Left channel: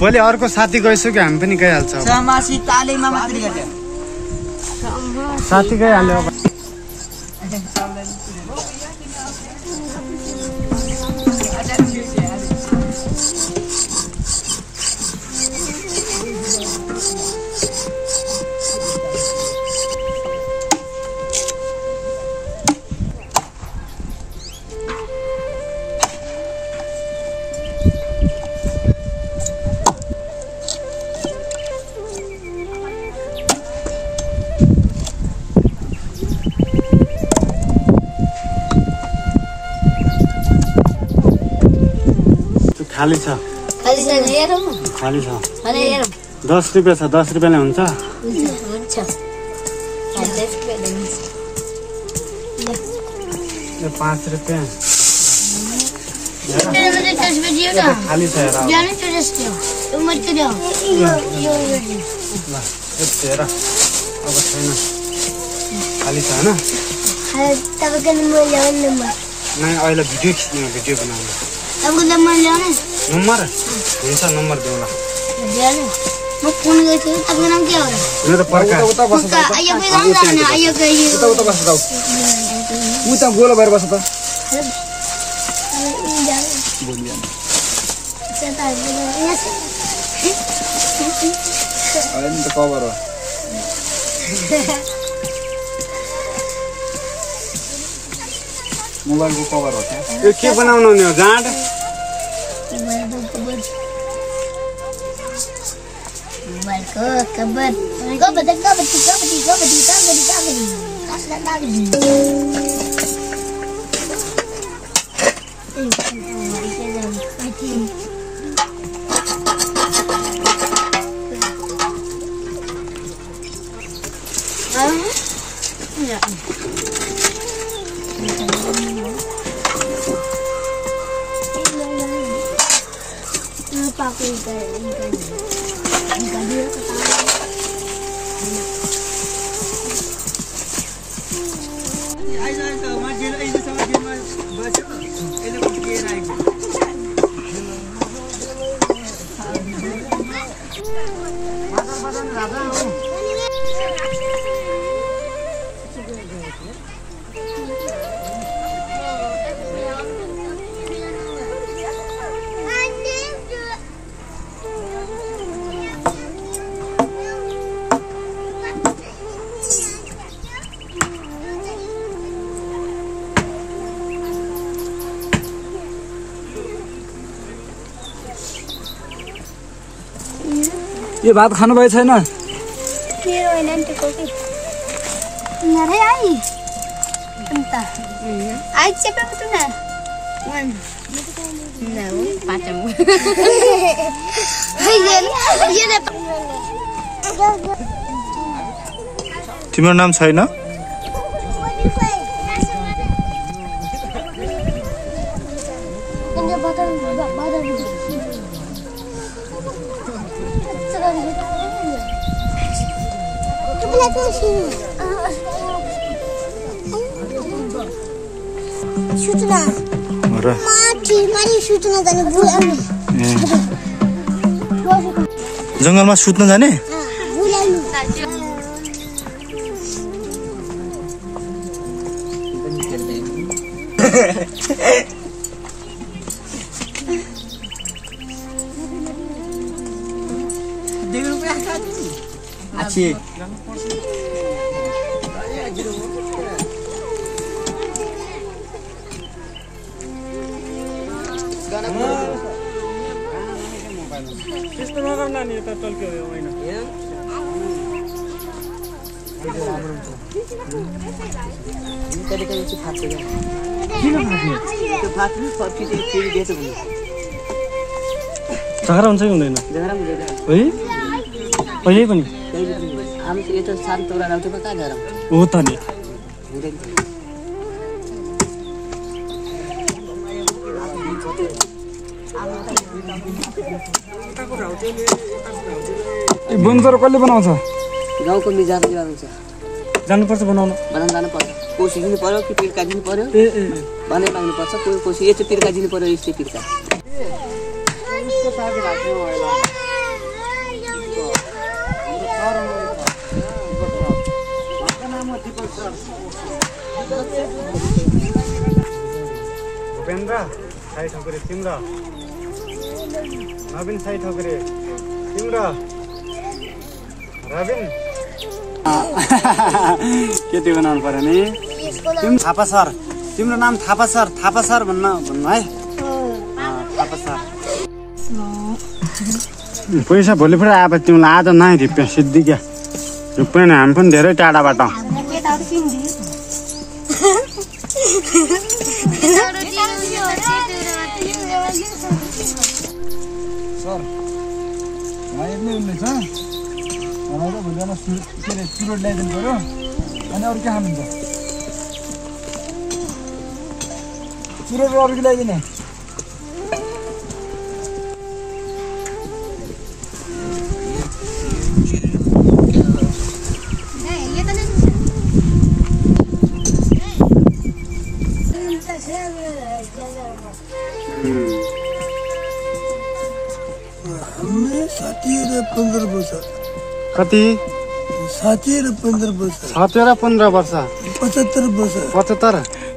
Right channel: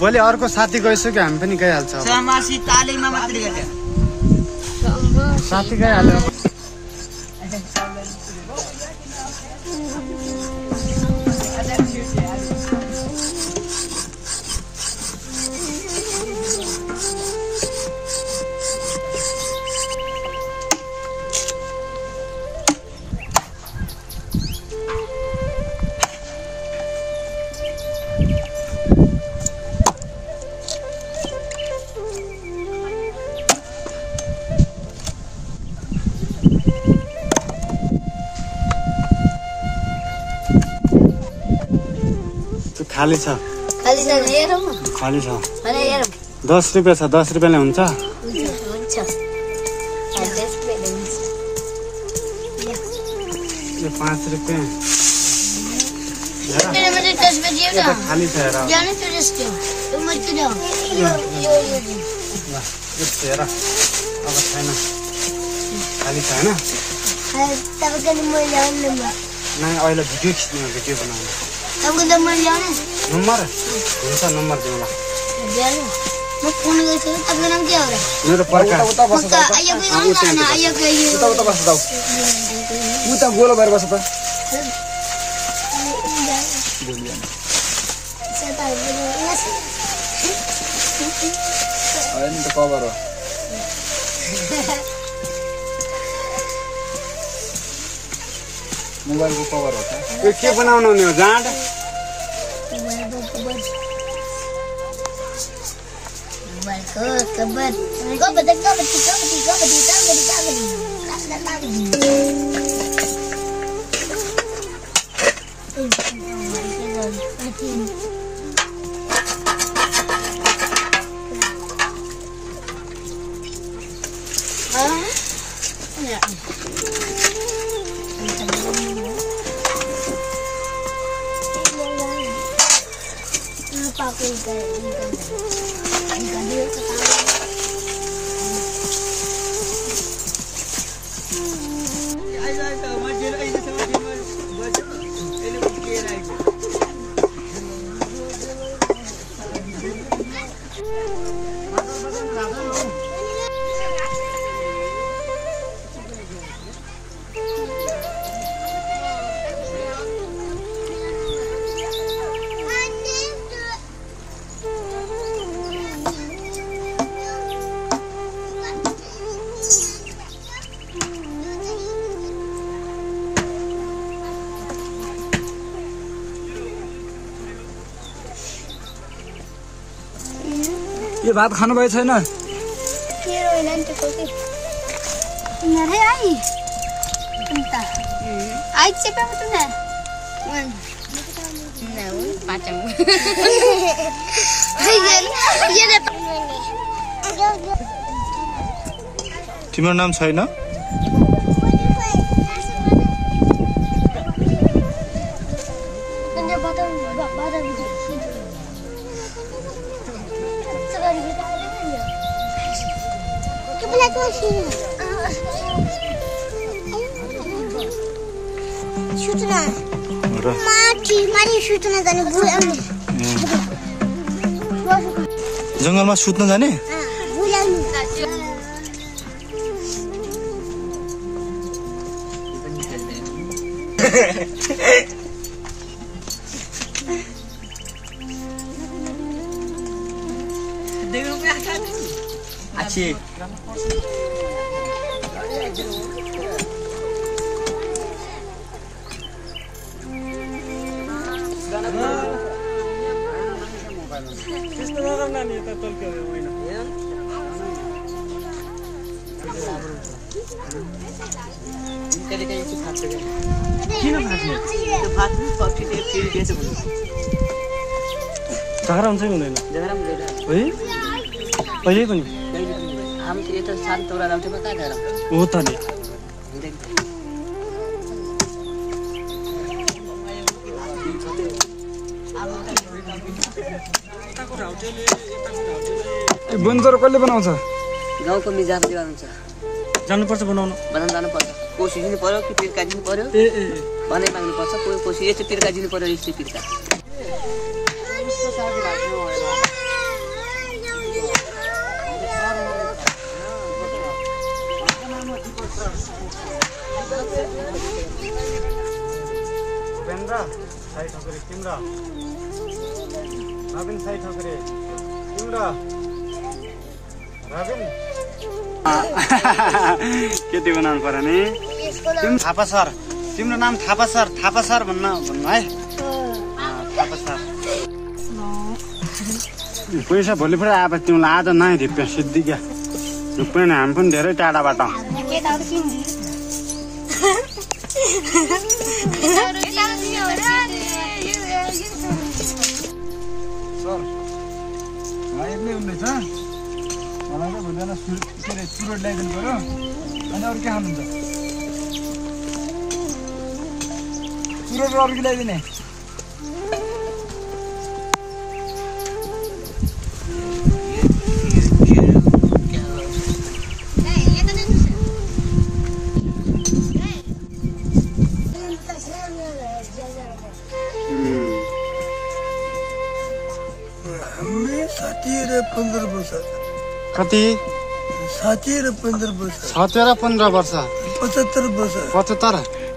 भोलि अर्को साथी गइसक्यो हामी पनि गइहाल्छ साथी गइहाल्यो खाली छ खाली छ 10 रुपैयाँ छ 10 रुपैयाँले हुन्छ यो 5 रुपैयाँ खाली छ हेर अब छैन खाली छ होइन अहिले भिडियो खिच्ने भिडियो बनाउने नंबर हुन्छ नंबर दिउँला म फोन गर्छु तपाईको नाम के हो र मेरो पर्का उता बस त आयो उता बस त उता गोलो भएर बस त हैन त कभर हो मोबाइल को कभर हो यो के बनाउनु नि हो गाड ये भात खानु भए छैन मेरो हैन त्यो कोकी नरे आई अन्त आई चेपे मत न न पाचम तिम्रो नाम छैन जंगलमा सुत्न जाने अच्छी झगडा हुन्छ कि हुँदैन है अहिले पनि हामी त यता सानो तोरा लाउँथ्यो कहाँ गएर हो त नि बुन्जर कसले बनाउँछ गाउँको मिजाजले बनाउँछ जानुपर्छ बनाउन बनाउन जानुपर्छ कोसी दिनु पर्यो कि पिर्का दिनु पर्यो भने माग्नुपर्छ कोसी यो चाहिँ पिर्का दिनु पर्यो यस्तै पिर्का भूपेन्द्र साई ठोकरे तिम्रो नवीन साई ठोकरे तिम्रो रविन के त्यो बनाउनु पर्यो नि थापा सर तिम्रो नाम थापा सर भन्नु है थापा सर पैसा भोलि फेरि आए तिमीलाई आज नै रुपियाँ सिद्धि क्या रुपियाँ हामी पनि धेरै टाढाबाट सर यति हुँदैछ मलाई त भोलिजना चुरोट ल्याइदिनु पर्यो अनि अरू के खानुहुन्छ चुरोट अरू के ल्याइदिने कति 15 वर्ष 15 वर्ष 75 वर्ष 75